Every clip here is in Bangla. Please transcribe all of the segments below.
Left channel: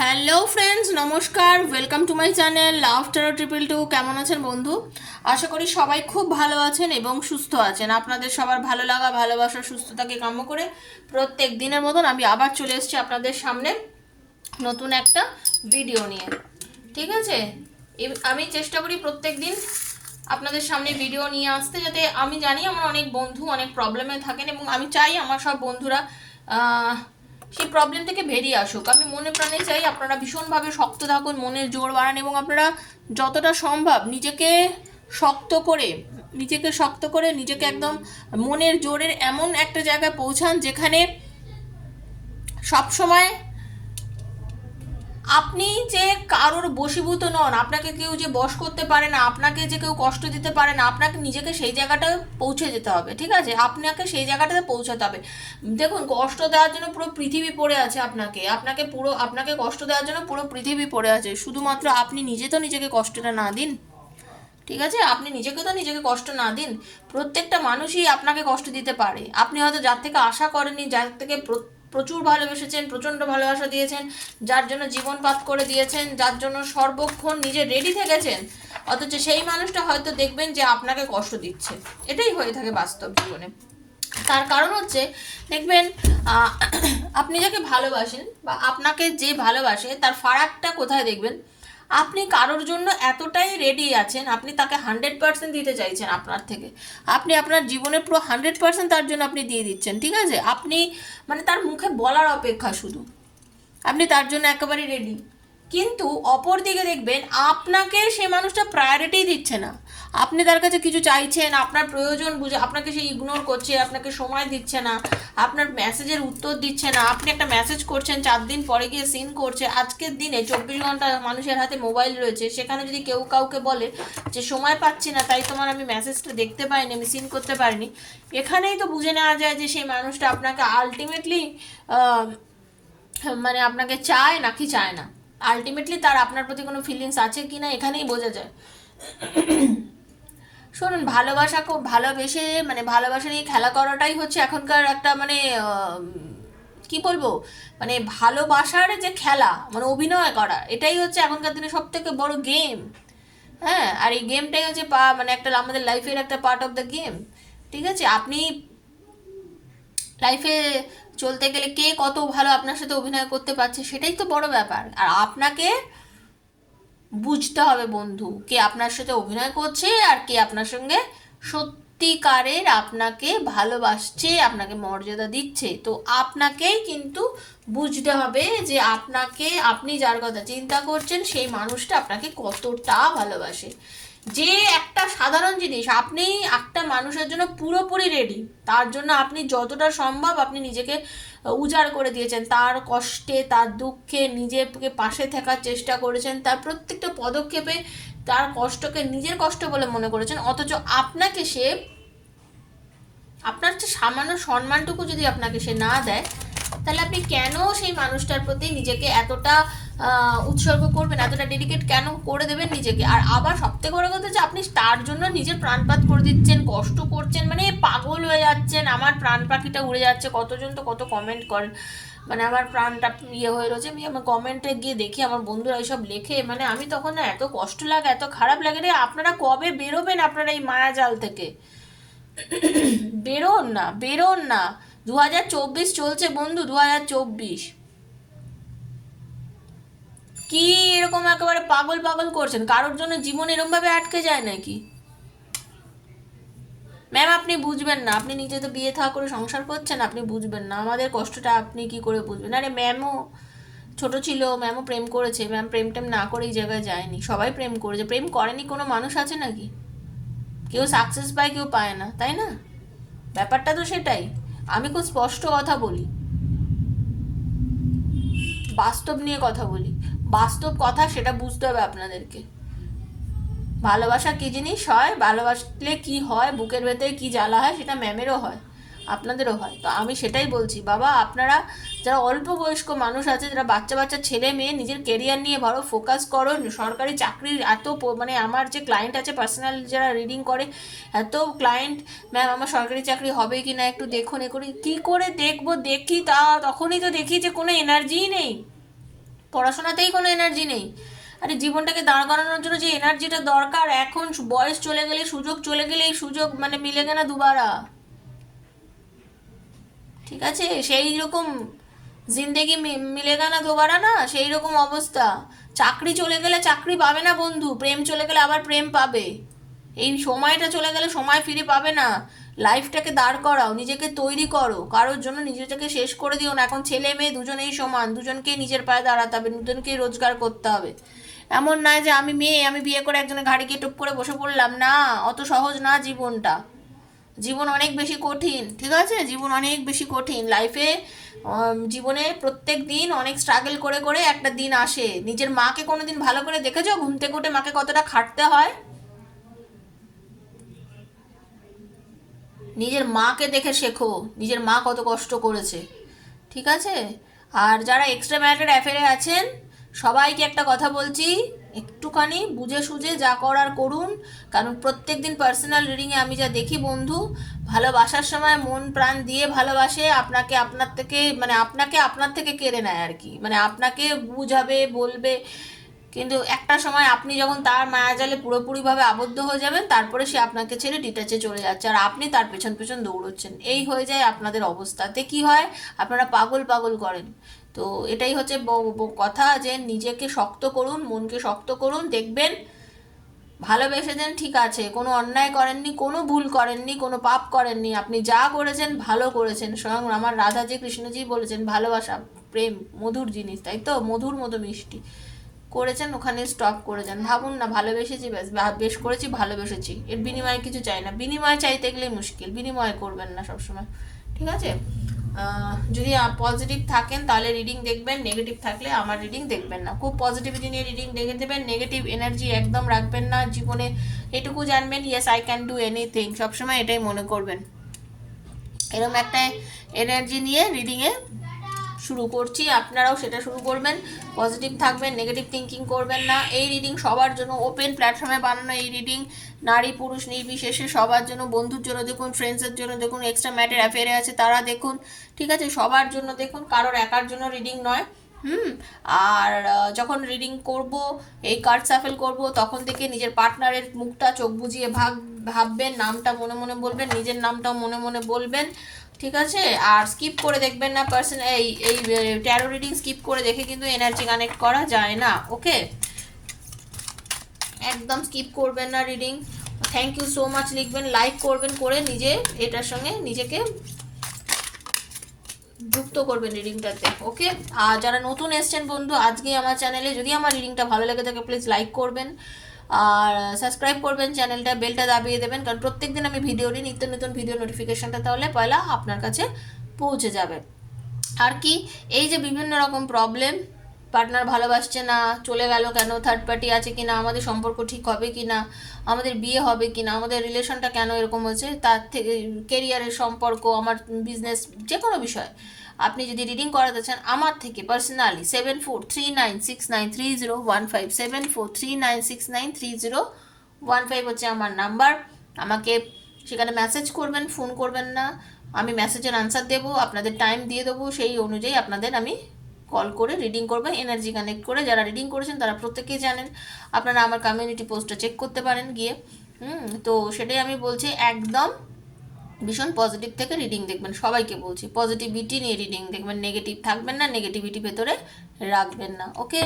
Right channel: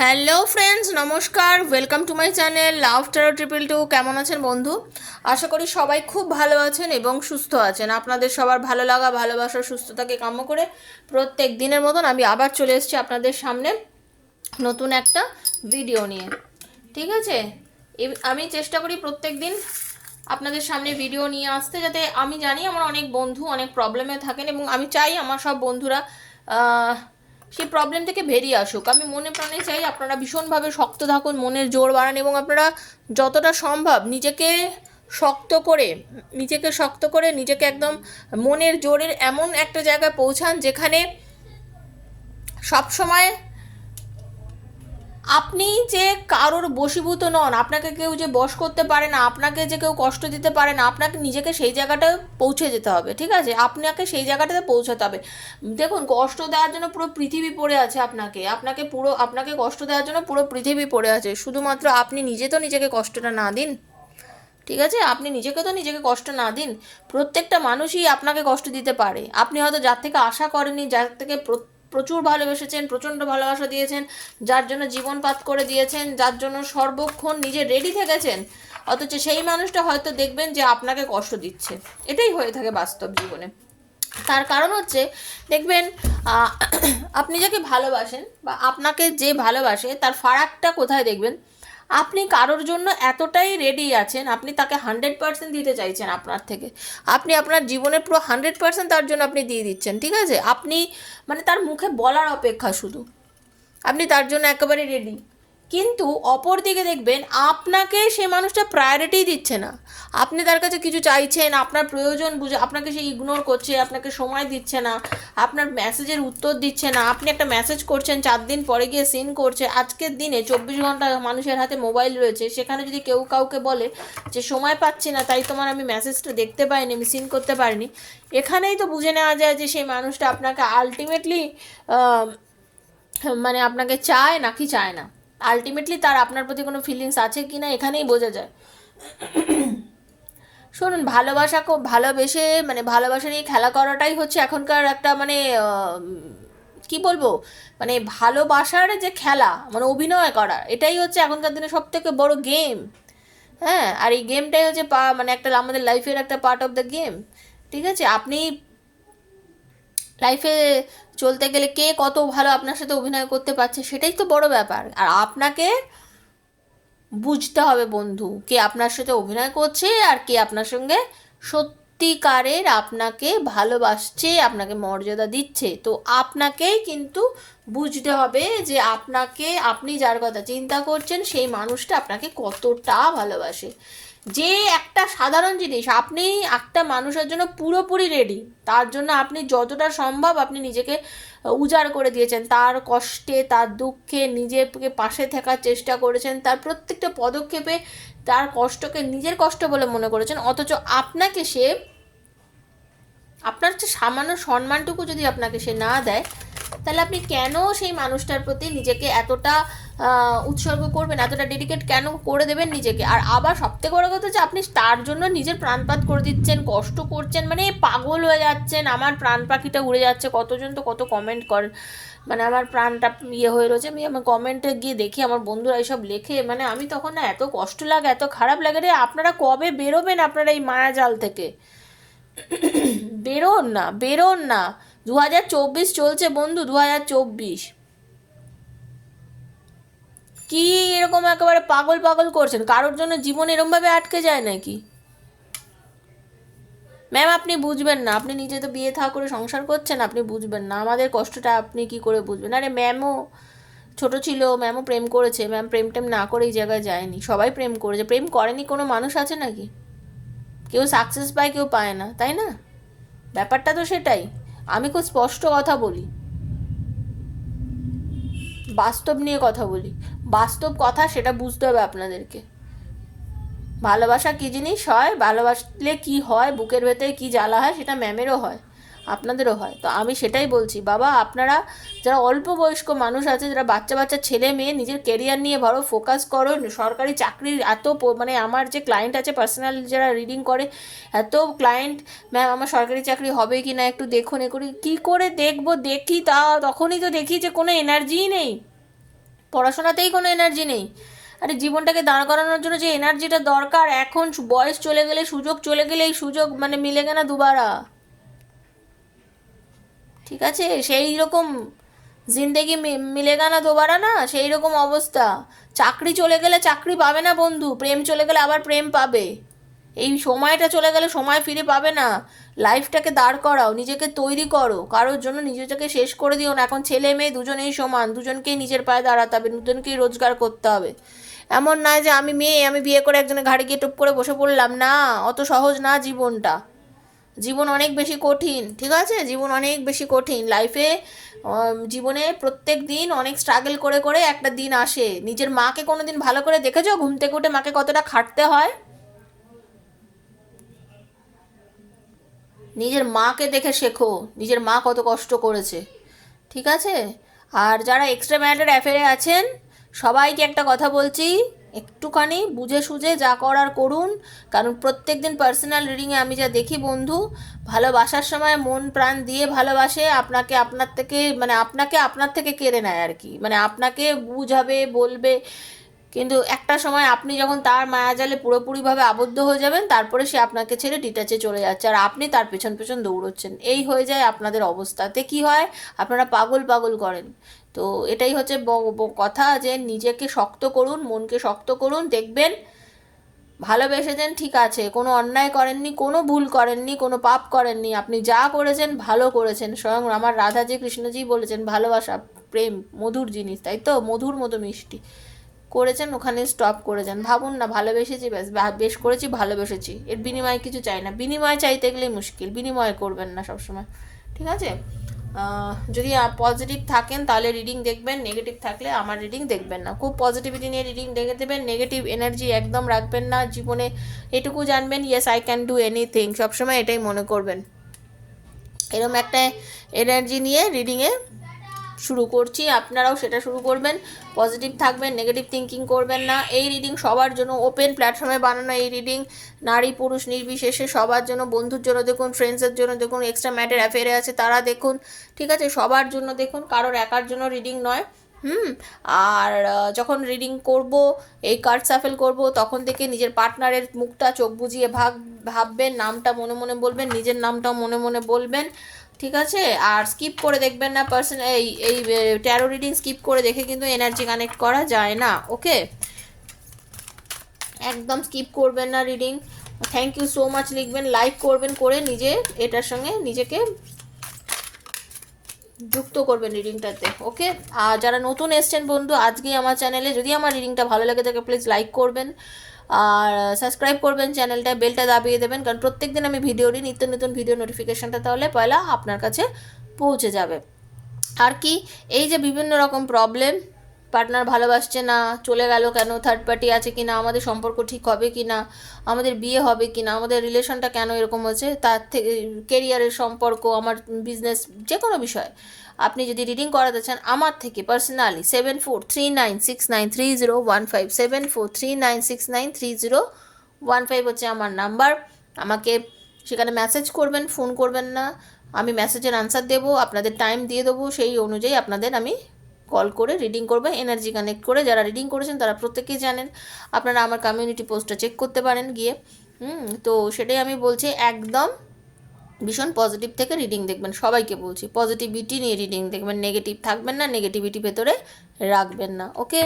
হ্যালো ফ্রেন্ডস, নমস্কার। Welcome to my channel love tarot 222। কেমন আছেন বন্ধু? আশা করি সবাই খুব ভালো আছেন এবং সুস্থ আছেন। আপনাদের সবার ভালো লাগা, ভালোবাসা, সুস্থতাকে কাম্য করে প্রত্যেক দিনের মতন আমি আবার চলে এসেছি আপনাদের সামনে নতুন একটা ভিডিও নিয়ে। ঠিক আছে, আমি চেষ্টা করি প্রত্যেক দিন আপনাদের সামনে ভিডিও নিয়ে আসতে, যাতে আমি জানি আমার অনেক বন্ধু অনেক প্রবলেমে থাকেন এবং আমি চাই আমার সব বন্ধুরা সেই প্রবলেম থেকে বেরিয়ে আসুক। আমি মনে প্রাণে চাই আপনারা ভীষণভাবে শক্ত থাকুন, মনের জোর বাড়ান এবং আপনারা যতটা সম্ভব নিজেকে একদম মনের জোরের এমন একটা জায়গায় পৌঁছান যেখানে সবসময় আপনি যে কারোর বশীভূত নন, আপনাকে কেউ যে বশ করতে পারে না, আপনাকে যে কেউ কষ্ট দিতে পারে না, আপনাকে নিজেকে সেই জায়গাটায় পৌঁছে যেতে হবে। ঠিক আছে, আপনাকে সেই জায়গাটাতে পৌঁছাতে হবে। দেখুন, কষ্ট দেওয়ার জন্য পুরো পৃথিবী পড়ে আছে, আপনাকে কষ্ট দেওয়ার জন্য পুরো পৃথিবী পড়ে আছে। শুধুমাত্র আপনি নিজে তো নিজেকে কষ্টটা না দিন। ঠিক আছে, আপনি নিজেকে কষ্ট না দিন। প্রত্যেকটা মানুষই আপনাকে কষ্ট দিতে পারে। আপনি হয়তো যার থেকে আশা করেননি, যার থেকে প্রচুর ভালোবেসেছেন, প্রচণ্ড ভালোবাসা দিয়েছেন, যার জন্য জীবনপাত করে দিয়েছেন, যার জন্য সর্বক্ষণ নিজে রেডি থেকেছেন, অথচ সেই মানুষটা হয়তো দেখবেন যে আপনাকে কষ্ট দিচ্ছে। এটাই হয়ে থাকে বাস্তব জীবনে। তার কারণ হচ্ছে, দেখবেন, আহ, আপনি যাকে ভালোবাসেন বা আপনাকে যে ভালোবাসে তার ফারাকটা কোথায় দেখবেন? আপনি কারোর জন্য এতটাই রেডি আছেন, আপনি তাকে 100% দিতে চাইছেন আপনার থেকে। আপনি আপনার জীবনের পুরো 100% তার জন্য আপনি দিয়ে দিচ্ছেন। ঠিক আছে, আপনি মানে তার মুখে বলার অপেক্ষা শুধু, আপনি তার জন্য একেবারে রেডি। কিন্তু অপর দিকে দেখবেন আপনাকে সে মানুষটা প্রায়োরিটি দিচ্ছে না। আপনি তার কাছে কিছু চাইছেন, আপনার প্রয়োজন বুঝে আপনাকে সে ইগনোর করছে, আপনাকে সময় দিচ্ছে না, আপনার মেসেজের উত্তর দিচ্ছে না। আপনি একটা মেসেজ করছেন, 4 দিন পরে গিয়ে সিন করছে। আজকের দিনে 24 ঘন্টা মানুষের হাতে মোবাইল রয়েছে, সেখানে যদি কেউ কাউকে বলে যে সময় পাচ্ছি না, তাই তোমার আমি মেসেজটা দেখতে পাইনি, আমি সিন করতে পারিনি, এখানেই তো বুঝে নেওয়া যায় যে সেই মানুষটা আপনাকে আলটিমেটলি মানে আপনাকে চায় নাকি চায় না। আলটিমেটলি তার আপনার প্রতি কোনো ফিলিংস আছে কি না এখানেই বোঝা যায়। শুনুন, ভালোবাসা খুব ভালোবেসে মানে ভালোবাসা নিয়ে খেলা করাটাই হচ্ছে এখনকার একটা মানে কি বলবো, মানে ভালোবাসার যে খেলা, মানে অভিনয় করা, এটাই হচ্ছে এখনকার দিনে সব থেকে বড় গেম। হ্যাঁ, আর এই গেমটাই হচ্ছে মানে একটা আমাদের লাইফের একটা পার্ট অফ দ্য গেম। ঠিক আছে, আপনি লাইফে চলতে গেলে কে কত ভালো আপনার সাথে অভিনয় করতে পারছে সেটাই তো বড় ব্যাপার। আর আপনাকে বুঝতে হবে বন্ধু, কে আপনার সাথে অভিনয় করছে আর কে আপনার সঙ্গে সত্যিকারের আপনাকে ভালোবাসছে, আপনাকে মর্যাদা দিচ্ছে। তো আপনাকেই কিন্তু বুঝতে হবে যে আপনি যার কথা চিন্তা করছেন সেই মানুষটা আপনাকে কতটা ভালোবাসে। যে একটা সাধারণ জিনিস, আপনি একটা মানুষের জন্য পুরোপুরি রেডি, তার জন্য আপনি যতটা সম্ভব আপনি নিজেকে উজাড় করে দিয়েছেন, তার কষ্টে তার দুঃখে নিজেকে পাশে থাকার চেষ্টা করেছেন, তার প্রত্যেকটা পদক্ষেপে তার কষ্টকে নিজের কষ্ট বলে মনে করেছেন। অথচ আপনার যে সামান্য সম্মানটুকু যদি আপনাকে সে না দেয়, তাহলে আপনি কেন সেই মানুষটার প্রতি নিজেকে এতটা উৎসর্গ করবেন, এতটা ডেডিকেট কেন করে দেবেন নিজেকে? আর আবার সবথেকে বড় কথা যে আপনি তার জন্য নিজের প্রাণপাত করে দিচ্ছেন, কষ্ট করছেন, মানে পাগল হয়ে যাচ্ছেন। আমার প্রাণ পাখিটা উড়ে যাচ্ছে, কতজন তো কত কমেন্ট করেন, মানে আমার প্রাণটা হয়ে রয়েছে। আমি আমার কমেন্টে গিয়ে দেখি আমার বন্ধুরা এইসব লেখে, মানে আমি তখন না এত কষ্ট লাগে, এত খারাপ লাগে রে। আপনারা কবে বেরোবেন আপনারা এই মায়াজাল থেকে? বেরোন না, বেরোন না। 2024 চলছে বন্ধু, 2024। কি এরকম একেবারে পাগল পাগল করছেন? কারোর জন্য জীবন এরকম ভাবে আটকে যায় নাকি? ম্যাম, আপনি বুঝবেন না, আপনি নিজে তো বিয়ে থা করে সংসার করছেন, আপনি বুঝবেন না আমাদের কষ্টটা। আপনি কি করে বুঝবেন? আরে ম্যামও ছোট ছিল, ম্যামও প্রেম করেছে, ম্যাম প্রেম টেম না করে এই জায়গায় যায়নি। সবাই প্রেম করেছে, প্রেম করেনি কোনো মানুষ আছে নাকি? কেউ সাকসেস পায়, কেউ পায় না, তাই না? ব্যাপারটা তো সেটাই। আমি খুব স্পষ্ট কথা বলি, বাস্তব নিয়ে কথা বলি। বাস্তব কথা, সেটা বুঝতে হবে আপনাদেরকে। ভালোবাসা কী জিনিস হয়, ভালোবাসলে কি হয়, বুকের ভেতরে কি জ্বালা হয়, সেটা ম্যামেরও হয়, আপনাদেরও হয়। তো আমি সেটাই বলছি, বাবা আপনারা যারা অল্প বয়স্ক মানুষ আছে, যারা বাচ্চা বাচ্চা ছেলে মেয়ে, নিজের কেরিয়ার নিয়ে বড় ফোকাস করো। সরকারি চাকরির এত মানে আমার যে ক্লায়েন্ট আছে পার্সোনাল যারা রিডিং করে, এত ক্লায়েন্ট, ম্যাম আমার সরকারি চাকরি হবে কি না একটু দেখুন, এ করি। কী করে দেখবো? দেখি তা তখনই তো দেখি যে কোনো এনার্জিই নেই। পড়াশোনাতেই কোনো এনার্জি নেই। আরে জীবনটাকে দাঁড় করানোর জন্য যে এনার্জিটা দরকার, এখন বয়স চলে গেলে, সুযোগ চলে গেলে এই সুযোগ মানে মিলে গেনা দুবারা, ঠিক আছে? সেই রকম জিন্দেগি মিলেগা না দোবারা, না সেই রকম অবস্থা। চাকরি চলে গেলে চাকরি পাবে না বন্ধু, প্রেম চলে গেলে আবার প্রেম পাবে। এই সময়টা চলে গেলে সময় ফিরে পাবে না। লাইফটাকে দাঁড় করাও, নিজেকে তৈরি করো, কারোর জন্য নিজেকে শেষ করে দিও না। এখন ছেলে মেয়ে দুজনেই সমান, দুজনকেই নিজের পায়ে দাঁড়াতে হবে, দুজনকেই রোজগার করতে হবে। এমন নয় যে আমি মেয়ে, আমি বিয়ে করে একজনের ঘাড়ে গিয়ে টুপ করে বসে পড়লাম, না, অত সহজ না জীবনটা। জীবন অনেক বেশি কঠিন, ঠিক আছে? জীবন অনেক বেশি কঠিন লাইফে। জীবনে প্রত্যেক দিন অনেক স্ট্রাগল করে করে একটা দিন আসে। নিজের মাকে কোনো দিন ভালো করে দেখেছো ঘুম থেকে উঠে মাকে কতটা খাটতে হয়? নিজের মাকে দেখে শেখো, নিজের মা কত কষ্ট করেছে, ঠিক আছে? আর যারা এক্সট্রা ম্যারিটাল অ্যাফেয়ারে আছেন, সবাইকে একটা কথা বলছি, একটুখানি বুঝে সুঝে যা করার করুন। কারণ প্রত্যেক দিন পার্সোনাল রিডিংয়ে আমি যা দেখি বন্ধু, ভালোবাসার সময় মন প্রাণ দিয়ে ভালোবাসে, আপনাকে আপনার থেকে মানে আপনাকে আপনার থেকে কেড়ে নেয় আর কি, মানে আপনাকে বুঝাবে বলবে, কিন্তু একটা সময় আপনি যখন তার মায়াজালে পুরোপুরিভাবে আবদ্ধ হয়ে যাবেন, তারপরে সে আপনাকে ছেড়ে ডিটাচে চলে যাচ্ছে, আর আপনি তার পেছন পেছন দৌড়চ্ছেন। এই হয়ে যায় আপনাদের অবস্থাতে। কি হয়, আপনারা পাগল পাগল করেন। তো এটাই হচ্ছে কথা, যে নিজেকে শক্ত করুন, মনকে শক্ত করুন, দেখবেন ভালোবেসেছেন, ঠিক আছে, কোনো অন্যায় করেননি, কোনো ভুল করেননি, কোনো পাপ করেননি, আপনি যা করেছেন ভালো করেছেন। স্বয়ং আমার রাধাজি কৃষ্ণজি বলেছেন, ভালোবাসা প্রেম মধুর জিনিস, তাই তো, মধুর মতো মিষ্টি। করেছেন, ওখানে স্টপ করে যান। ভাবুন না, ভালোবেসেছি ব্যাস, বেশ করেছি, ভালোবেসেছি, এর বিনিময়ে কিছু চাই না। বিনিময় চাইতে গেলেই মুশকিল, বিনিময় করবেন না সবসময়, ঠিক আছে? যদি পজিটিভ থাকেন তাহলে রিডিং দেখবেন, নেগেটিভ থাকলে আমার রিডিং দেখবেন না। খুব পজিটিভিটি নিয়ে রিডিং দেখে দেবেন, নেগেটিভ এনার্জি একদম রাখবেন না জীবনে। এটুকু জানবেন, yes I can do anything, সবসময় এটাই মনে করবেন। এরকম একটা এনার্জি নিয়ে রিডিংয়ে শুরু করছি, আপনারাও সেটা শুরু করবেন। পজিটিভ থাকবেন, নেগেটিভ থিঙ্কিং করবেন না। এই রিডিং সবার জন্য, ওপেন প্ল্যাটফর্মে বানানো এই রিডিং, নারী পুরুষ নির্বিশেষে সবার জন্য, বন্ধুর জন্য দেখুন, ফ্রেন্ডসের জন্য দেখুন, এক্সট্রা ম্যাটার অ্যাফেয়ারে আছে তারা দেখুন, ঠিক আছে? সবার জন্য দেখুন, কারোর একার জন্য রিডিং নয়। আর যখন রিডিং করব, এই কার্ড সাফেল করব, তখন থেকে নিজের পার্টনারের মুখটা চোখ বুজিয়ে ভাববেন, নামটা মনে মনে বলবেন, নিজের নামটাও মনে মনে বলবেন, ঠিক আছে? আর স্কিপ করে দেখবেন না পার্সন, এই এই ট্যারো রিডিং স্কিপ করে দেখে কিন্তু এনার্জি কানেক্ট করা যায় না, ওকে? একদম স্কিপ করবেন না reading. Thank you so much লিখবেন, লাইক করবেন, করে নিজে এটার সঙ্গে নিজেকে যুক্ত করবেন রিডিংটাতে, ওকে? আর যারা নতুন এসছেন বন্ধু আজকে আমার চ্যানেলে, যদি আমার রিডিংটা ভালো লাগে থাকে প্লিজ লাইক করবেন, আর সাবস্ক্রাইব করবেন চ্যানেলটা, বেলটা দাবিয়ে দেবেন, কারণ প্রত্যেকদিন আমি ভিডিও দিই, নিত্য নতুন ভিডিও নোটিফিকেশনটা তাহলে পয়লা আপনার কাছে পৌঁছে যাবে। আর কি, এই যে বিভিন্ন রকম প্রবলেম, পার্টনার ভালোবাসছে না, চলে গেল কেন, থার্ড পার্টি আছে কিনা, আমাদের সম্পর্ক ঠিক হবে কিনা, আমাদের বিয়ে হবে কিনা, আমাদের রিলেশনটা কেন এরকম হচ্ছে, তার থেকে কেরিয়ারের সম্পর্ক, আমার বিজনেস, যে কোনো বিষয় আপনি যদি রিডিং করাতে চান আমার থেকে পার্সোনালি, 7439693015, 7439693015 হচ্ছে আমার নাম্বার। আমাকে সেখানে মেসেজ করবেন, ফোন করবেন না, আমি মেসেজের আনসার দেবো, আপনাদের টাইম দিয়ে দেবো, সেই অনুযায়ী আপনাদের আমি কল করে রিডিং করবো, এনার্জি কানেক্ট করে। যারা রিডিং করেছেন তারা প্রত্যেকেই জানেন, আপনারা আমার কমিউনিটি পোস্টটা চেক করতে পারেন গিয়ে। তো সেটাই আমি বলছি, একদম ভীষণ পজিটিভ থেকে রিডিং দেখবেন, সবাইকে বলছি পজিটিভিটি নিয়ে রিডিং দেখবেন, নেগেটিভ থাকবেন না, নেগেটিভিটি ভেতরে রাখবেন না, ওকে?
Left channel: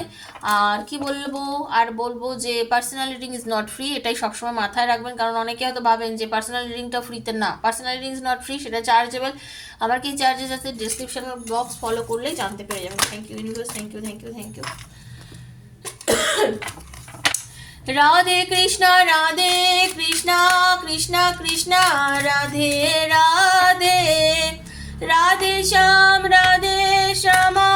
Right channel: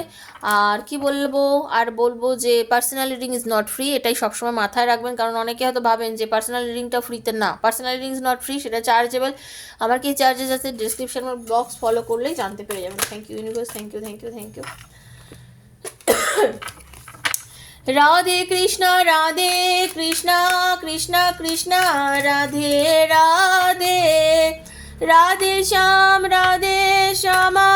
আর কি বলবো, আর বলবো যে personal reading is not free, এটাই সবসময় মাথায় রাখবেন, কারণ অনেকে হয়তো ভাবেন যে পার্সোনাল রিডিংটা ফ্রিতে, না, personal reading is not free, সেটা চার্জেবল। আমার কি চার্জেস আছে ডিসক্রিপশন বক্স ফলো করলেই জানতে পেরে যাবেন। Thank you universe, thank you, thank you, thank you. Radhe Krishna, Radhe Krishna, Krishna Krishna Radhe Radhe, Radhe Shyam, Radhe Shyama,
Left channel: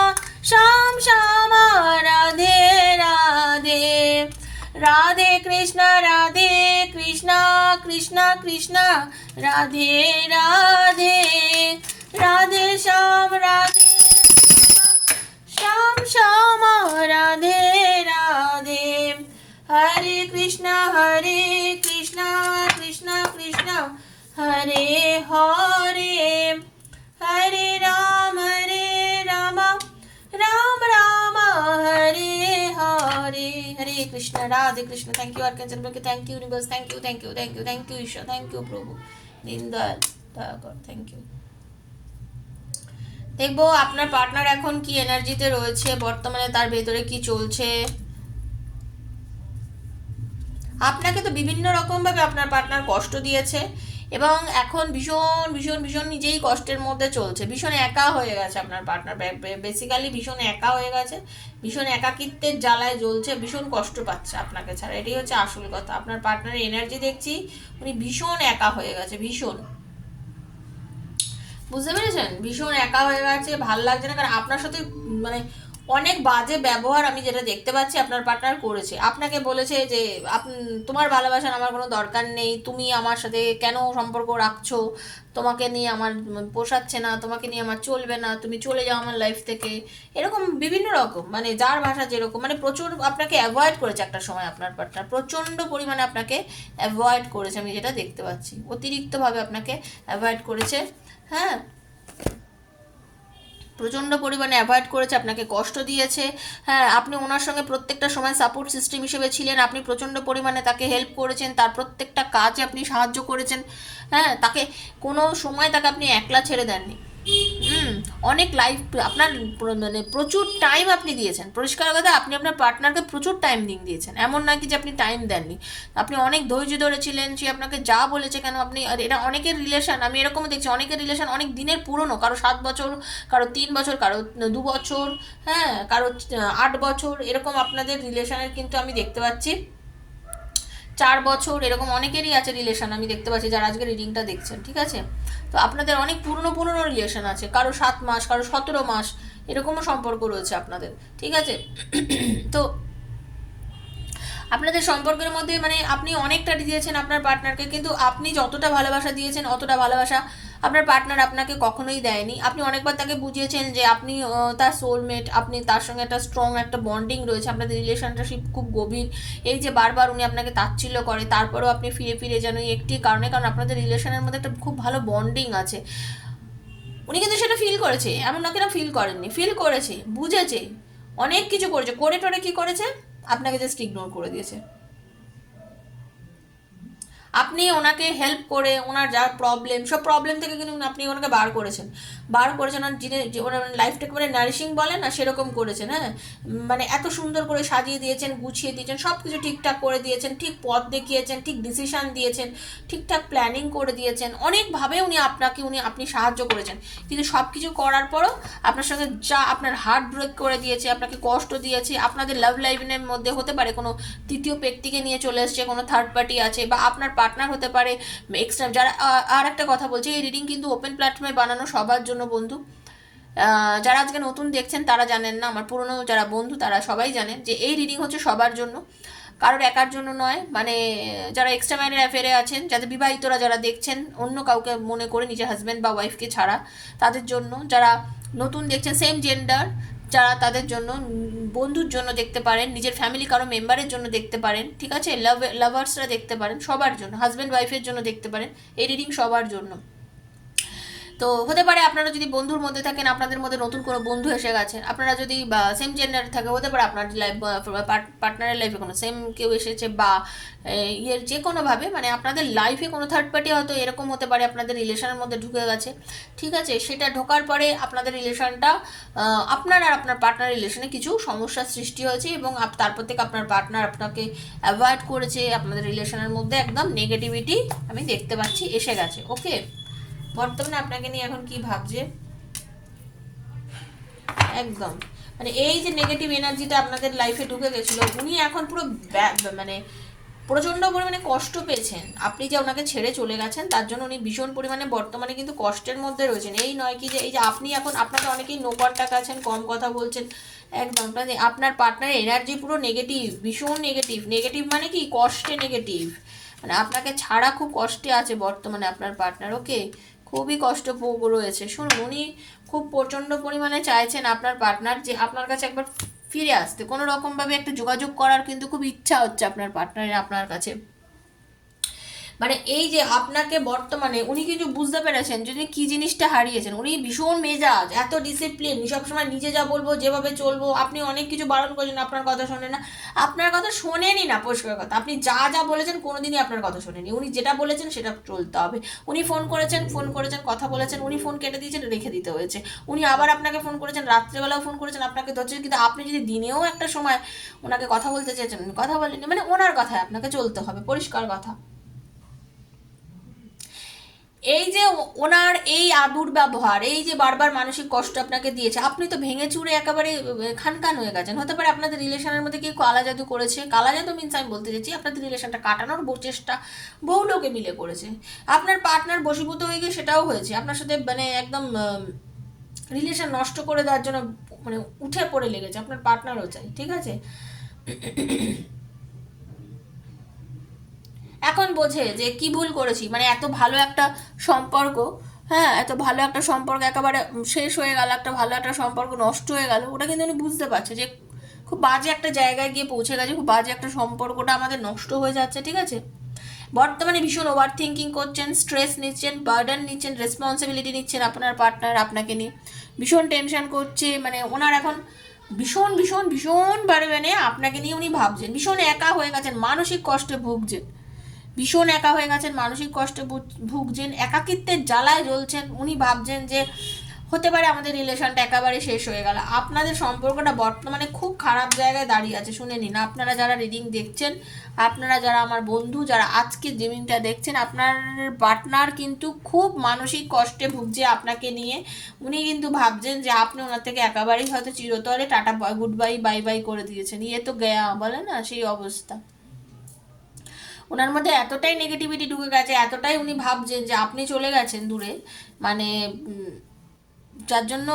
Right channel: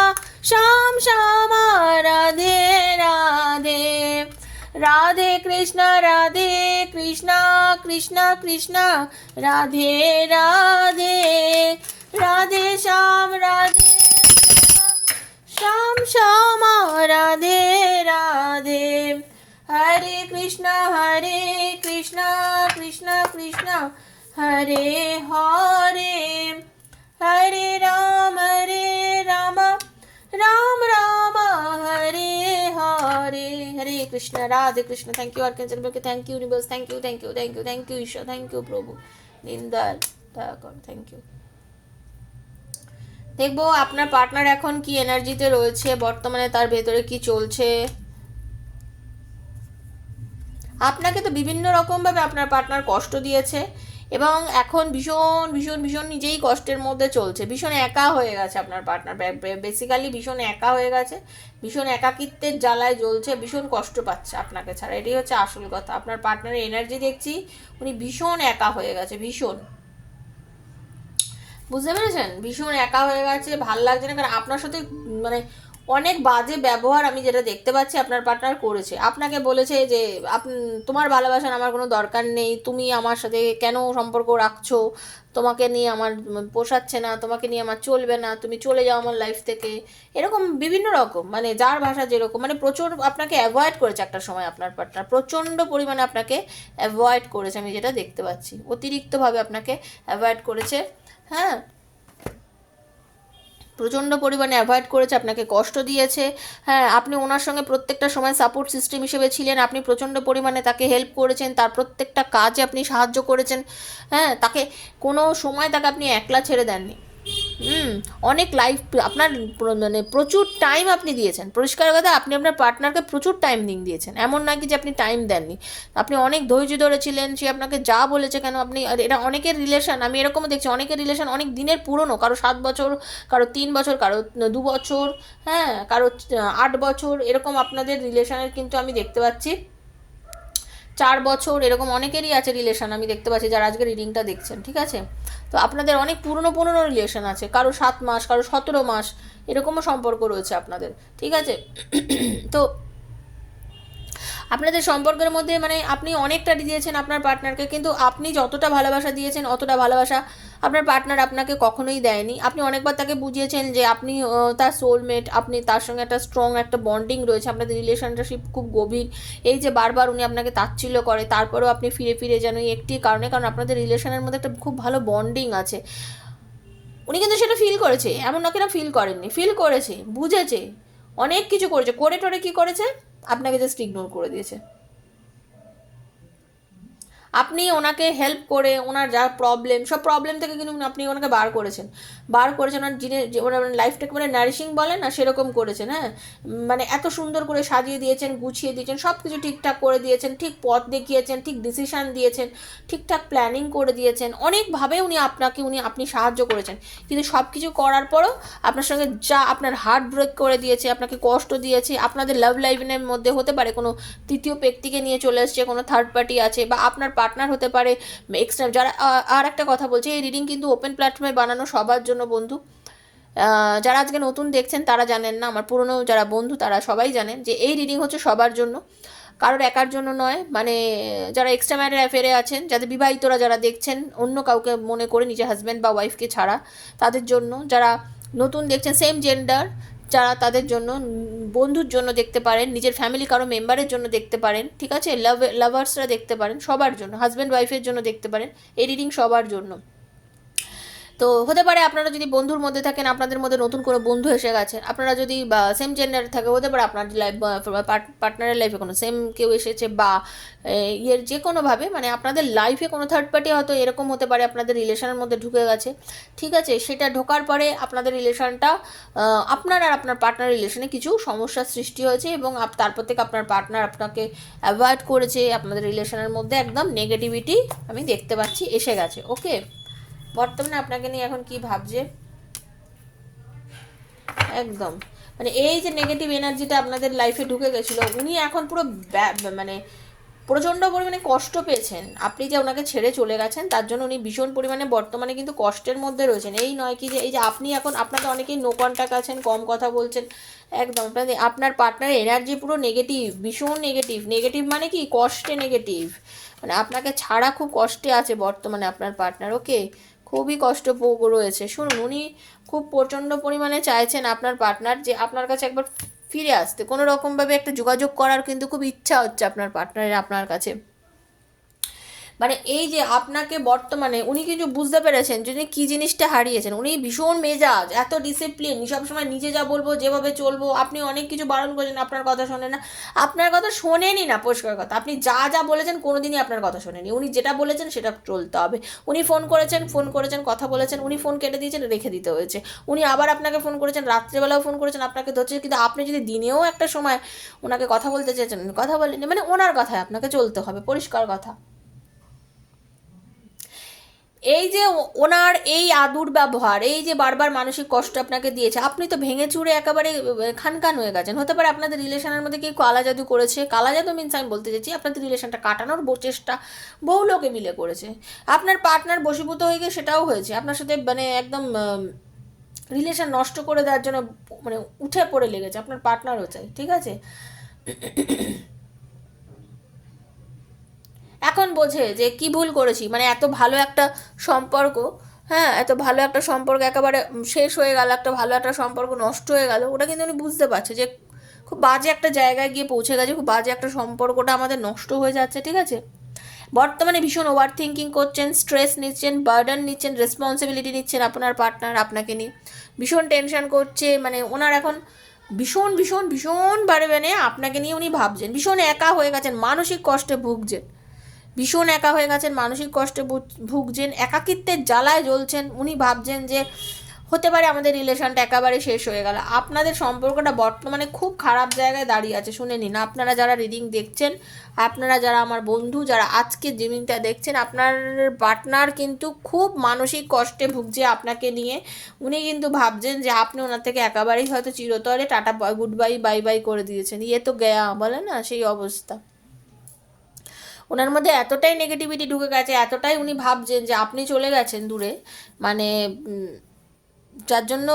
Shyam Shyama Radhe Radhe, Radhe Krishna, Radhe Krishna, Krishna Krishna Radhe Radhe, Radhe Shyam, Radhe Shyam Shyama Radhe Radhe, Hare Krishna, Hare Krishna, Krishna Krishna Hare Hare, Hare Ram, Ram Ram Hare Krishna, Radhe Krishna. Thank you archangel Michael, thank you universe, thank you, thank you, thank you, thank you ঈশ্বর, থ্যাংক ইউ প্রভু দীনদয়াল, দয়া কর, থ্যাংক ইউ। দেখবো আপনার পার্টনার এখন কি এনার্জিতে রয়েছে, বর্তমানে তার ভেতরে কি চলছে। আপনাকে তো বিভিন্ন রকমভাবে আপনার পার্টনার কষ্ট দিয়েছে এবং এখন ভীষণ ভীষণ ভীষণ নিজেই কষ্টের মধ্যে চলছে, ভীষণ একা হয়ে গেছে আপনার পার্টনার, বেসিক্যালি ভীষণ একা হয়ে গেছে, ভীষণ একাকিত্বের জ্বালায় জ্বলছে, ভীষণ কষ্ট পাচ্ছে আপনাকে ছাড়া। এটাই হচ্ছে আসল কথা। আপনার পার্টনারের এনার্জি দেখছি, উনি ভীষণ একা হয়ে গেছে, ভীষণ, বুঝতে পেরেছেন, ভীষণ একা হয়ে গেছে, ভাল লাগছে না। কারণ আপনার সাথে মানে অনেক বাজে ব্যবহার আমি যেটা দেখতে পাচ্ছি আপনার পার্টনার করেছে। আপনাকে বলেছে যে তোমার ভালোবাসার আমার কোনো দরকার নেই, তুমি আমার সাথে কেন সম্পর্ক রাখছো, তোমাকে নিয়ে আমার পোষাচ্ছে না, তোমাকে নিয়ে আমার চলবে না, তুমি চলে যাও আমার লাইফ থেকে, এরকম বিভিন্ন রকম, মানে যার ভাষা যেরকম, মানে প্রচুর আপনাকে অ্যাভয়েড করেছে একটা সময় আপনার পার্টনার, প্রচণ্ড পরিমাণে আপনাকে অ্যাভয়েড করেছে, আমি যেটা দেখতে পাচ্ছি অতিরিক্তভাবে আপনাকে অ্যাভয়েড করেছে। হ্যাঁ, প্রচণ্ড পরিমাণে অ্যাভয়েড করেছে, আপনাকে কষ্ট দিয়েছে। হ্যাঁ, আপনি ওনার সঙ্গে প্রত্যেকটা সময় সাপোর্ট সিস্টেম হিসেবে ছিলেন, আপনি প্রচণ্ড পরিমাণে তাকে হেল্প করেছেন, তার প্রত্যেকটা কাজে আপনি সাহায্য করেছেন। হ্যাঁ, তাকে কোনো সময় তাকে আপনি একলা ছেড়ে দেননি। অনেক লাইফ আপনার মানে প্রচুর টাইম আপনি দিয়েছেন, পরিষ্কার কথা আপনি আপনার পার্টনারকে প্রচুর টাইম দিয়েছেন, এমন নয় কি যে আপনি টাইম দেননি। আপনি অনেক ধৈর্য ধরেছিলেন, সে আপনাকে যা বলেছে কেন আপনি, আর এটা অনেকের রিলেশন আমি এরকমও দেখছি, অনেকের রিলেশন অনেক দিনের পুরনো, কারো 7 বছর, কারো 3 বছর, কারো 2 বছর, হ্যাঁ, কারো 8 বছর, এরকম আপনাদের রিলেশনের কিন্তু আমি দেখতে পাচ্ছি 4 বছর, এরকম অনেকেরই আছে রিলেশন আমি দেখতে পাচ্ছি যারা আজকে রিডিংটা দেখছেন, ঠিক আছে। তো আপনাদের অনেক পুরনো পুরনো রিলেশন আছে, কারো 7 মাস, কারো 17 মাস, এরকমও সম্পর্ক রয়েছে আপনাদের, ঠিক আছে। তো আপনাদের সম্পর্কের মধ্যে মানে আপনি অনেকটা দিয়েছেন আপনার পার্টনারকে, কিন্তু আপনি যতটা ভালোবাসা দিয়েছেন অতটা ভালোবাসা আপনার পার্টনার আপনাকে কখনোই দেয়নি। আপনি অনেকবার তাকে বুঝিয়েছেন যে আপনি তার সোলমেট, আপনি তার সঙ্গে একটা স্ট্রং একটা বন্ডিং রয়েছে, আপনাদের রিলেশনশিপ খুব গভীর। এই যে বারবার উনি আপনাকে তাচ্ছিল্য করে, তারপরেও আপনি ফিরে ফিরে যেন এই একটি কারণে, কারণ আপনাদের রিলেশনের মধ্যে একটা খুব ভালো বন্ডিং আছে। উনি কিন্তু সেটা ফিল করেছে, এমন না কিনা ফিল করেননি, ফিল করেছে, বুঝেছে, অনেক কিছু করেছে, করে টোরে কি করেছে, আপনাকে জাস্ট ইগনোর করে দিয়েছে। আপনি ওনাকে হেল্প করে ওনার যা প্রবলেম, সব প্রবলেম থেকে কিন্তু আপনি ওনাকে বার করেছেন আর যিনি ওনার লাইফটাকে মানে নারিশিং বলে না সেরকম করেছেন। হ্যাঁ, মানে এত সুন্দর করে সাজিয়ে দিয়েছেন, গুছিয়ে দিয়েছেন, সব কিছু ঠিকঠাক করে দিয়েছেন, ঠিক পথ দেখিয়েছেন, ঠিক ডিসিশান দিয়েছেন, ঠিকঠাক প্ল্যানিং করে দিয়েছেন, অনেকভাবে আপনি সাহায্য করেছেন। কিন্তু সব কিছু করার পরও আপনার সঙ্গে যা আপনার হার্ট ব্রেক করে দিয়েছে, আপনাকে কষ্ট দিয়েছে, আপনাদের লাভ লাইফের মধ্যে হতে পারে কোনো তৃতীয় ব্যক্তিকে নিয়ে চলে এসছে, কোনো থার্ড পার্টি আছে, বা আপনার পার্টনার হতে পারে এক্সট্রা যারা। আর একটা কথা বলছি, এই রিডিং কিন্তু ওপেন প্ল্যাটফর্মে বানানো সবার জন্য বন্ধু। যারা আজকে নতুন দেখছেন তারা জানেন না, আমার পুরনো যারা বন্ধু তারা সবাই জানেন যে এই রিডিং হচ্ছে সবার জন্য, কারোর একার জন্য নয়। মানে যারা এক্সট্রা ম্যারিড অ্যাফেয়ারে আছেন, যাদের বিবাহিতরা যারা দেখছেন অন্য কাউকে মনে করে, নিজের হাজব্যান্ড বা ওয়াইফকে ছাড়া, তাদের জন্য। যারা নতুন দেখছেন সেম জেন্ডার যারা, তাদের জন্য, বন্ধুর জন্য দেখতে পারেন, নিজের ফ্যামিলি কারো মেম্বারের জন্য দেখতে পারেন, ঠিক আছে, লাভার্সরা দেখতে পারেন, সবার জন্য, হাজব্যান্ড ওয়াইফের জন্য দেখতে পারেন, এই রিডিং সবার জন্য। তো হতে পারে আপনারা যদি বন্ধুর মধ্যে থাকেন, আপনাদের মধ্যে নতুন কোনো বন্ধু এসে গেছেন, আপনারা যদি বা সেম জেন্ডার থাকে, হতে পারে আপনার লাইফ পার্টনারের লাইফে কোনো সেম কেউ এসেছে, বা ইয়ের যে কোনোভাবে মানে আপনাদের লাইফে কোনো থার্ড পার্টি হয়তো এরকম হতে পারে আপনাদের রিলেশনের মধ্যে ঢুকে গেছে, ঠিক আছে। সেটা ঢোকার পরে আপনাদের রিলেশনটা, আপনার আর আপনার পার্টনার রিলেশনে কিছু সমস্যার সৃষ্টি হয়েছে, এবং তারপর থেকে আপনার পার্টনার আপনাকে অ্যাভয়েড করেছে, আপনাদের রিলেশনের মধ্যে একদম নেগেটিভিটি আমি দেখতে পাচ্ছি এসে গেছে। ওকে, বর্তমানে আপনাকে নিয়ে এখন কি ভাবছে, একদম মানে এই যে নেগেটিভ এনার্জিটা আপনাদের লাইফে ঢুকে গেছিলো, উনি এখন পুরো মানে প্রচণ্ড পরিমাণে কষ্ট পেয়েছেন। আপনি যে ওনাকে ছেড়ে চলে গেছেন তার জন্য উনি ভীষণ পরিমাণে বর্তমানে কিন্তু কষ্টের মধ্যে রয়েছেন। এই নয় কি যে এই যে আপনি এখন, আপনাকে অনেকেই নো কন্ট্যাক্ট আছেন, কম কথা বলছেন, একদম আপনার পার্টনারের এনার্জি পুরো নেগেটিভ, ভীষণ নেগেটিভ। নেগেটিভ মানে কি, কষ্টে নেগেটিভ, মানে আপনাকে ছাড়া খুব কষ্টে আছে বর্তমানে আপনার পার্টনার। ওকে, খুবই কষ্ট রয়েছে। শুনুন, উনি খুব প্রচণ্ড পরিমাণে চাইছেন আপনার পার্টনার যে আপনার কাছে একবার ফিরে আসতে, কোনো রকমভাবে একটা যোগাযোগ করার কিন্তু খুব ইচ্ছা হচ্ছে আপনার পার্টনারের আপনার কাছে। মানে এই যে আপনাকে বর্তমানে উনি কিছু বুঝতে পেরেছেন যদি কি জিনিসটা হারিয়েছেন, উনি ভীষণ মেজাজ, এত ডিসিপ্লিন, সবসময় নিজে যা বলবো যেভাবে চলবো, আপনি অনেক কিছু বারণ করছেন আপনার কথা শোনে না, আপনার কথা শোনেনি না, পরিষ্কার কথা, আপনি যা যা বলেছেন কোনোদিনই আপনার কথা শোনেনি, উনি যেটা বলেছেন সেটা চলতে হবে। উনি ফোন করেছেন কথা বলেছেন, উনি ফোন কেটে দিয়েছেন, রেখে দিতে হয়েছে, উনি আবার আপনাকে ফোন করেছেন, রাত্রেবেলাও ফোন করেছেন, আপনাকে ধরছে, কিন্তু আপনি যদি দিনেও একটা সময় ওনাকে কথা বলতে চেয়েছেন উনি কথা বলেননি, মানে ওনার কথায় আপনাকে চলতে হবে, পরিষ্কার কথা। এই যে ওনার এই আদুর ব্যবহার, এই যে বারবার মানসিক কষ্ট আপনাকে দিয়েছে, আপনি তো ভেঙে চুরে একেবারে খান খান হয়ে গেছেন। হতে পারে আপনাদের রিলেশনের মধ্যে কি কালা জাদু করেছে, কালা জাদু মিনস আমি বলতে চাইছি আপনাদের রিলেশনটা কাটানোর চেষ্টা বহু লোকে মিলে করেছে। আপনার পার্টনার বশীভূত হয়ে গিয়ে সেটাও হয়েছে, আপনার সাথে মানে একদম রিলেশন নষ্ট করে দেওয়ার জন্য মানে উঠে পড়ে লেগেছে, আপনার পার্টনারও চাই, ঠিক আছে। এখন বোঝে যে কি ভুল করেছি, মানে এত ভালো একটা সম্পর্ক, হ্যাঁ এত ভালো একটা সম্পর্ক একেবারে শেষ হয়ে গেল, একটা ভালো একটা সম্পর্ক নষ্ট হয়ে গেল, ওটা কিন্তু উনি বুঝতে পারছে যে খুব বাজে একটা জায়গায় গিয়ে পৌঁছে গেছে, খুব বাজে একটা সম্পর্কটা আমাদের নষ্ট হয়ে যাচ্ছে, ঠিক আছে। বর্তমানে ভীষণ ওভার থিঙ্কিং করছেন, স্ট্রেস নিচ্ছেন, বার্ডেন নিচ্ছেন, রেসপন্সিবিলিটি নিচ্ছেন আপনার পার্টনার আপনাকে নিয়ে, ভীষণ টেনশন করছে, মানে ওনার এখন ভীষণ ভীষণ ভীষণ বারে মানে আপনাকে নিয়ে উনি ভাবছেন, ভীষণ একা হয়ে গেছেন, মানসিক কষ্টে ভুগছেন, ভীষণ একা হয়ে গেছেন, মানসিক কষ্টে ভুগছেন, একাকিত্বের জ্বালায় জ্বলছেন, উনি ভাবছেন যে হতে পারে আমাদের রিলেশনটা একেবারে শেষ হয়ে গেল, আপনাদের সম্পর্কটা বর্তমানে খুব খারাপ জায়গায় দাঁড়িয়ে আছে। শুনে নিন, আপনারা যারা রিডিং দেখছেন, আপনারা যারা আমার বন্ধু, যারা আজকে রিডিংটা দেখছেন, আপনার পার্টনার কিন্তু খুব মানসিক কষ্টে ভুগছে আপনাকে নিয়ে, উনি কিন্তু ভাবছেন যে আপনি ওনার থেকে একেবারেই হয়তো চিরতরে tata good bye bye bye করে দিয়েছেন, ইয়ে তো গেয়া বলে না সেই অবস্থা। ওনার মধ্যে এতটাই নেগেটিভিটি ঢুকে গেছে, এতটাই উনি ভাবছেন যে আপনি চলে গেছেন দূরে, মানে যার জন্য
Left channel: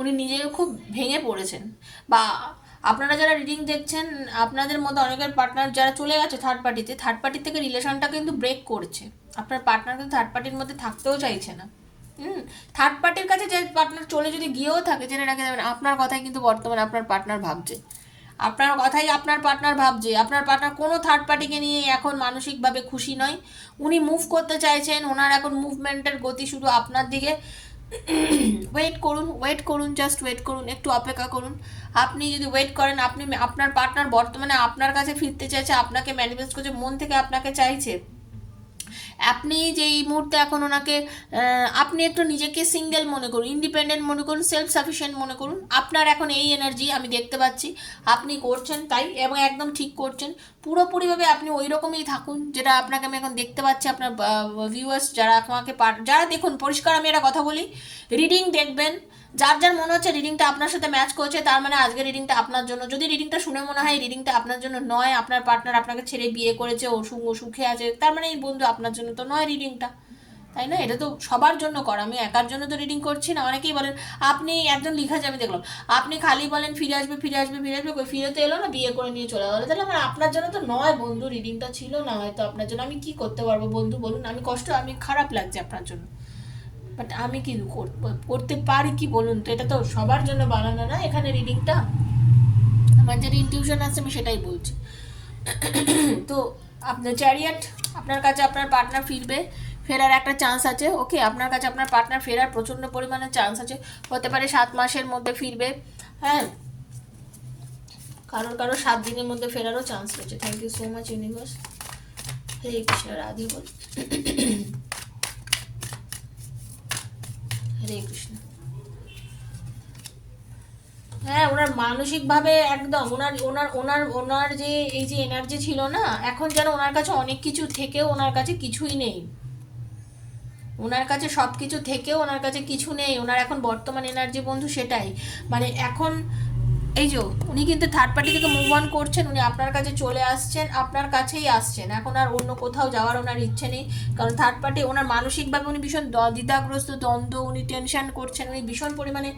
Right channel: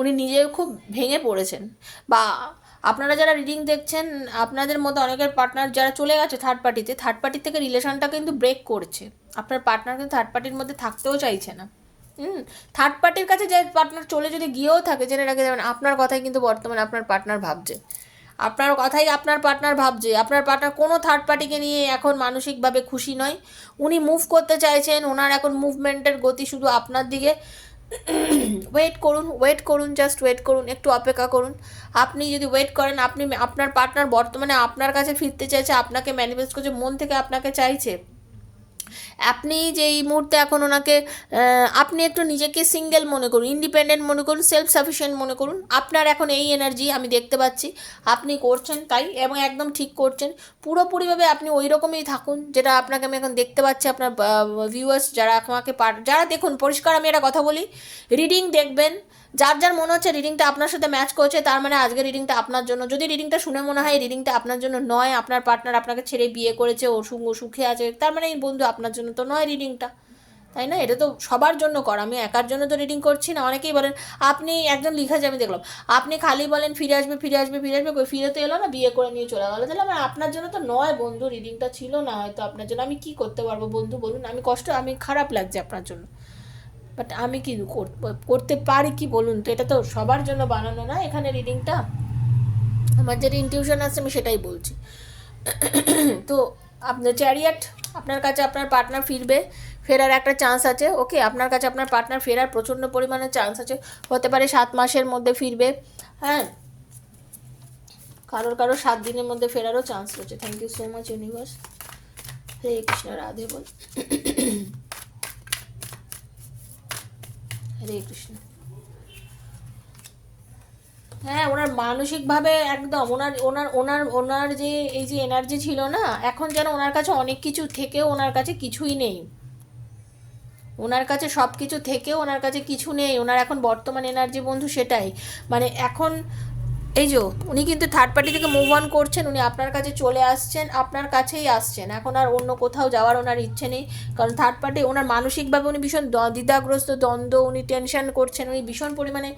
উনি নিজেও খুব ভেঙে পড়েছেন। বা আপনারা যারা রিডিং দেখছেন, আপনাদের মধ্যে অনেকের পার্টনার যারা চলে গেছে থার্ড পার্টি থেকে রিলেশনটা কিন্তু ব্রেক করছে, আপনার পার্টনার কিন্তু থার্ড পার্টির মধ্যে থাকতেও চাইছে না। থার্ড পার্টির কাছে যে পার্টনার চলে যদি গিয়েও থাকে, জেনে রাখে যাবেন আপনার কথাই কিন্তু বর্তমানে আপনার পার্টনার ভাবছে, আপনার কথাই আপনার পার্টনার ভাবছে, আপনার পার্টনার কোনো থার্ড পার্টিকে নিয়ে এখন মানসিকভাবে খুশি নয়, উনি মুভ করতে চাইছেন, ওনার এখন মুভমেন্টের গতি শুধু আপনার দিকে। ওয়েট করুন, জাস্ট ওয়েট করুন, একটু অপেক্ষা করুন। আপনি যদি ওয়েট করেন, আপনি আপনার পার্টনার বর্তমানে আপনার কাছে ফিরতে চাইছে, আপনাকে ম্যানিফেস্ট করছে, মন থেকে আপনাকে চাইছে, আপনি যে এই মুহূর্তে এখন ওনাকে আপনি একটু নিজেকে সিঙ্গেল মনে করুন, ইন্ডিপেন্ডেন্ট মনে করুন, সেলফ সাফিসিয়েন্ট মনে করুন, আপনার এখন এই এনার্জি আমি দেখতে পাচ্ছি আপনি করছেন তাই, এবং একদম ঠিক করছেন, পুরোপুরিভাবে আপনি ওই রকমই থাকুন যেটা আপনাকে আমি এখন দেখতে পাচ্ছি। আপনার ভিউয়ার্স যারা আমাকে যারা দেখুন, পরিষ্কার আমি একটা কথা বলি, রিডিং দেখবেন, যার যার মনে হচ্ছে রিডিংটা আপনার সাথে ম্যাচ করছে, তার মানে আজকে রিডিংটা আপনার জন্য। যদি রিডিংটা শুনে মনে হয় রিডিংটা আপনার জন্য নয়, আপনার পার্টনার আপনাকে ছেড়ে বিয়ে করেছে, ও সুখে আছে, তার মানে এই বন্ধু আপনার জন্য তো নয় রিডিংটা, তাই না? এটা তো সবার জন্য করা, আমি একার জন্য তো রিডিং করছি না। অনেকেই বলেন, আপনি একজন লিখেছে আমি দেখলাম, আপনি খালি বলেন ফিরে আসবে ফিরে আসবে ফিরে আসবে, কই ফিরে তো এলো না, বিয়ে করে নিয়ে চলে গেলো, তাহলে আমার আপনার জন্য তো নয় বন্ধু, রিডিংটা ছিল না হয়তো আপনার জন্য, আমি কি করতে পারবো বন্ধু বলুন, আমি খারাপ লাগছে আপনার জন্য, বাট আমি কি করতে পারি কি বলুন তো, এটা তো সবার জন্য বানানো না এখানে রিডিংটা, আমার যেটা ইনটিউশন আছে আমি সেটাই বলছি। তো আপনার চ্যারিয়েট, আপনার কাছে আপনার পার্টনার ফেরার একটা চান্স আছে, ওকে, আপনার কাছে আপনার পার্টনার ফেরার প্রচণ্ড পরিমাণে চান্স আছে, হতে পারে 7 মাসের মধ্যে ফিরবে, হ্যাঁ, কারোর 7 দিনের মধ্যে ফেরারও চান্স রয়েছে। Thank you so much universe. Hare Krishna, Radhe বল, হরে কৃষ্ণ। হ্যাঁ, ওনার মানসিকভাবে একদম ওনার ওনার ওনার ওনার যে এই যে এনার্জি ছিল না, এখন যেন ওনার কাছে অনেক কিছু থেকেও ওনার কাছে কিছুই নেই, ওনার কাছে সব কিছু থেকেও ওনার কাছে কিছু নেই, ওনার এখন বর্তমান এনার্জি বন্ধু সেটাই, মানে এখন এই যে উনি কিন্তু থার্ড পার্টি থেকে মুভ অন করছেন, উনি আপনার কাছে চলে আসছেন, আপনার কাছেই আসছেন, এখন আর অন্য কোথাও যাওয়ার ওনার ইচ্ছে নেই, কারণ থার্ড পার্টি ওনার মানসিকভাবে উনি ভীষণ দ্বিধাগ্রস্ত, দ্বন্দ্ব, উনি টেনশন করছেন, উনি ভীষণ পরিমাণে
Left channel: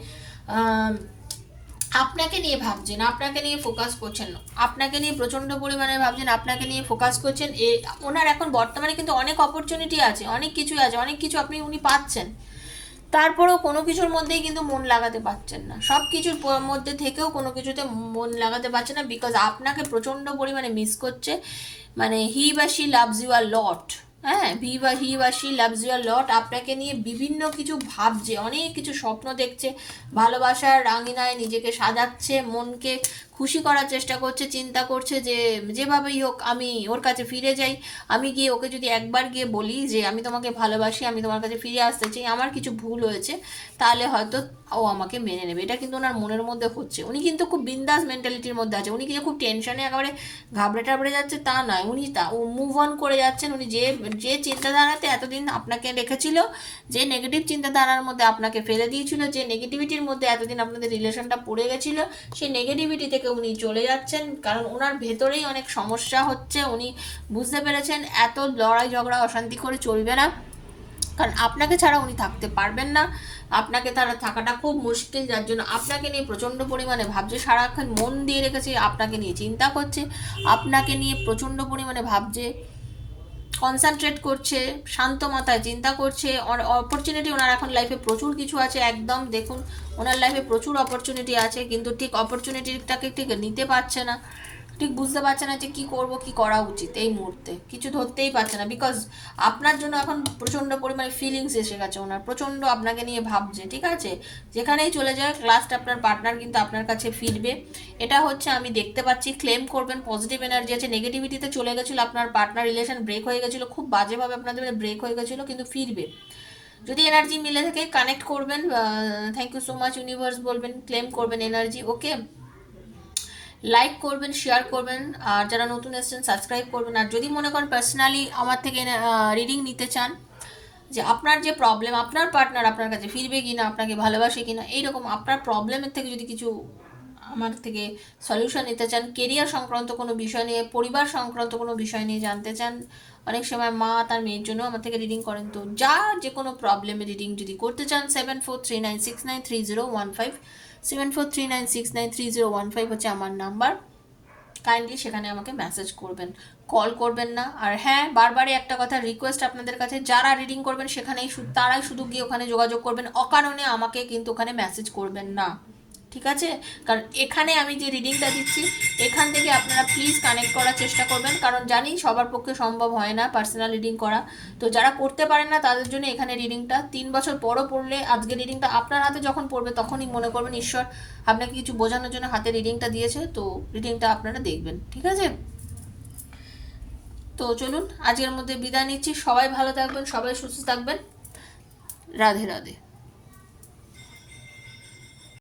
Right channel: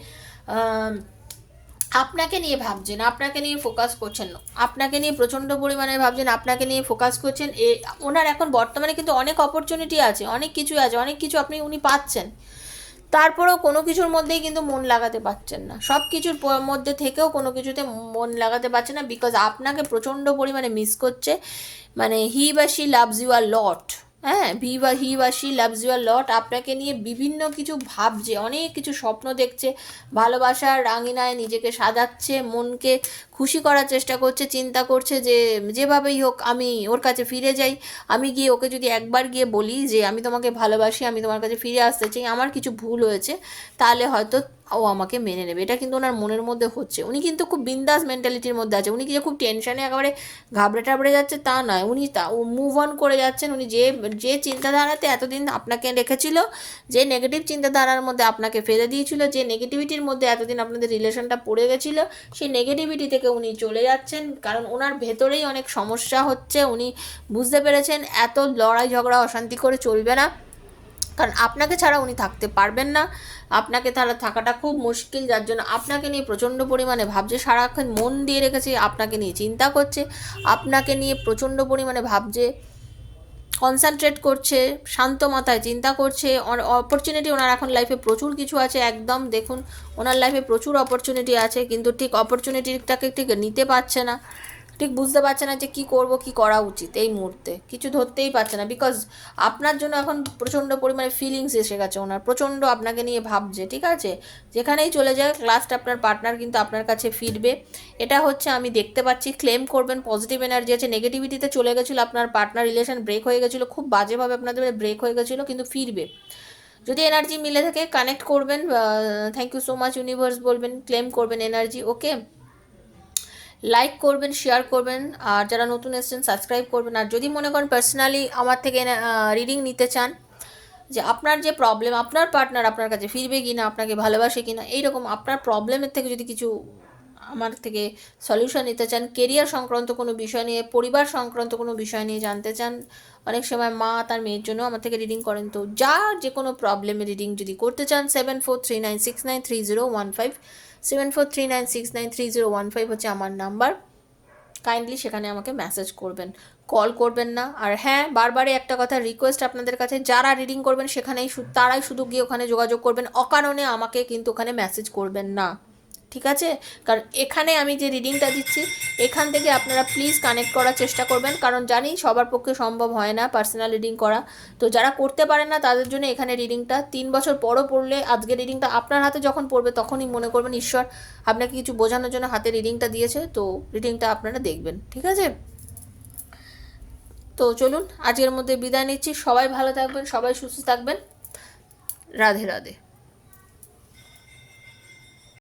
আপনাকে নিয়ে ভাবছেন, আপনাকে নিয়ে ফোকাস করছেন, আপনাকে নিয়ে প্রচণ্ড পরিমাণে ভাবছেন, আপনাকে নিয়ে ফোকাস করছেন, ওনার এখন বর্তমানে কিন্তু অনেক অপরচুনিটি আছে, অনেক কিছু আছে, অনেক কিছু উনি পাচ্ছেন, তারপরেও কোনো কিছুর মধ্যেই কিন্তু মন লাগাতে পারছেন না, সব কিছুর মধ্যে থেকেও কোনো কিছুতে মন লাগাতে পারছে না, বিকজ আপনাকে প্রচণ্ড পরিমাণে মিস করছে। মানে হি বা শি লাভস ইউ আর লট। হ্যাঁ, হি বা শি লাভস ইউ আর লট, আপনাকে নিয়ে বিভিন্ন কিছু ভাবছে, অনেক কিছু স্বপ্ন দেখছে, ভালোবাসার রাঙিনায় নিজেকে সাজাচ্ছে, মনকে খুশি করার চেষ্টা করছে, চিন্তা করছে যে যেভাবেই হোক আমি ওর কাছে ফিরে যাই, আমি গিয়ে ওকে যদি একবার গিয়ে বলি যে আমি তোমাকে ভালোবাসি, আমি তোমার কাছে ফিরে আসতে চাই, আমার কিছু ভুল হয়েছে, তাহলে হয়তো ও আমাকে মেনে নেবে। এটা কিন্তু ওনার মনের মধ্যে হচ্ছে। উনি কিন্তু খুব বিন্দাস মেন্টালিটির মধ্যে আছে, উনি কিন্তু খুব টেনশনে একেবারে ঘাবড়ে টাবড়ে যাচ্ছে তা নয়, উনি মুভ অন করে যাচ্ছেন। উনি যে যে চিন্তাধারাতে এতদিন আপনাকে রেখেছিল, যে নেগেটিভ চিন্তাধারার মধ্যে আপনাকে ফেলে দিয়েছিল, যে নেগেটিভিটির মধ্যে এতদিন আপনাদের রিলেশনটা পড়ে গেছিল, সেই নেগেটিভিটি থেকে উনি চলে যাচ্ছেন, কারণ ওনার ভেতরেই অনেক সমস্যা হচ্ছে। উনি বুঝতে পেরেছেন এত লড়াই ঝগড়া অশান্তি করে চলবে না, কারণ আপনাকে ছাড়া উনি থাকতে পারবেন না, আপনাকে তারা থাকাটা খুব মুশকিল, যার জন্য আপনাকে নিয়ে প্রচণ্ড পরিমাণে ভাবছে, সারাক্ষণ মন দিয়ে রেখেছে, আপনাকে নিয়ে চিন্তা করছে, আপনাকে নিয়ে প্রচণ্ড পরিমাণে ভাবছে, কনসেন্ট্রেট করছে, শান্ত মাথায় চিন্তা করছে। অপরচুনিটি ওনার এখন লাইফে প্রচুর কিছু আছে, একদম দেখুন ওনার লাইফে প্রচুর অপরচুনিটি আছে, কিন্তু ঠিক অপরচুনিটিটাকে ঠিক নিতে পারছে না, ঠিক বুঝতে পারছে না যে কী করব, কী করা উচিত। এই মুহূর্তে কিছু ধরতেই পারছে না, বিকজ আপনার জন্য এখন প্রচণ্ড পরিমাণে ফিলিংস এসে গেছে ওনার, প্রচণ্ড আপনাকে নিয়ে ভাবছে। ঠিক আছে, যেখানেই চলে যায় লাস্ট আপনার পার্টনার কিন্তু আপনার কাছে ফিরবে, এটা হচ্ছে আমি দেখতে পাচ্ছি। ক্লেম করবেন, পজিটিভ এনার্জি আছে, নেগেটিভিটিতে চলে গেছিলো আপনার পার্টনার, রিলেশন ব্রেক হয়ে গেছিলো, খুব বাজেভাবে আপনাদের ব্রেক হয়ে গেছিলো, কিন্তু ফিরবে। যদি এনার্জি মিলে থাকে কানেক্ট করবেন, thank you so much universe বলবেন, ক্লেম করবেন এনার্জি। ওকে, লাইক করবেন, শেয়ার করবেন, আর যারা নতুন এসেছেন সাবস্ক্রাইব করবেন। আর যদি মনে করেন পার্সোনালি আমার থেকে রিডিং নিতে চান, যে আপনার যে প্রবলেম, আপনার পার্টনার আপনার কাছে ফিরবে কিনা, আপনাকে ভালোবাসে কিনা, এইরকম আপনার প্রবলেমের থেকে যদি কিছু আমার থেকে সলিউশন নিতে চান, কেরিয়ার সংক্রান্ত কোনো বিষয় নিয়ে, পরিবার সংক্রান্ত কোনো বিষয় নিয়ে জানতে চান, অনেক সময় মা তার মেয়ের জন্য আমার থেকে রিডিং করেন, তো যা যে কোনো প্রবলেমের রিডিং যদি করতে চান 7439693015, 7439693015 হচ্ছে আমার নাম্বার। কাইন্ডলি সেখানে আমাকে মেসেজ করবেন, কল করবেন না। আর হ্যাঁ, বারবারই একটা কথা রিকোয়েস্ট আপনাদের কাছে, যারা রিডিং করবেন সেখানেই তারাই শুধু গিয়ে ওখানে যোগাযোগ করবেন, অকারণে আমাকে কিন্তু ওখানে মেসেজ করবেন না, ঠিক আছে? কারণ এখানে আমি যে রিডিংটা দিচ্ছি, এখান থেকে আপনারা প্লিজ কানেক্ট করার চেষ্টা করবেন, কারণ জানি সবার পক্ষে সম্ভব হয় না পার্সোনাল রিডিং করা, তো যারা করতে পারেন না তাদের জন্য এখানে রিডিংটা 3 বছর পরও পড়লে, আজকে রিডিংটা আপনার হাতে যখন পড়বে তখনই মনে করবেন ঈশ্বর আপনাকে কিছু বোঝানোর জন্য হাতে রিডিংটা দিয়েছে, তো রিডিংটা আপনারা দেখবেন, ঠিক আছে? তো চলুন আজকের মধ্যে বিদায় নিচ্ছি, সবাই ভালো থাকবেন, সবাই সুস্থ থাকবেন, রাধে রাধে।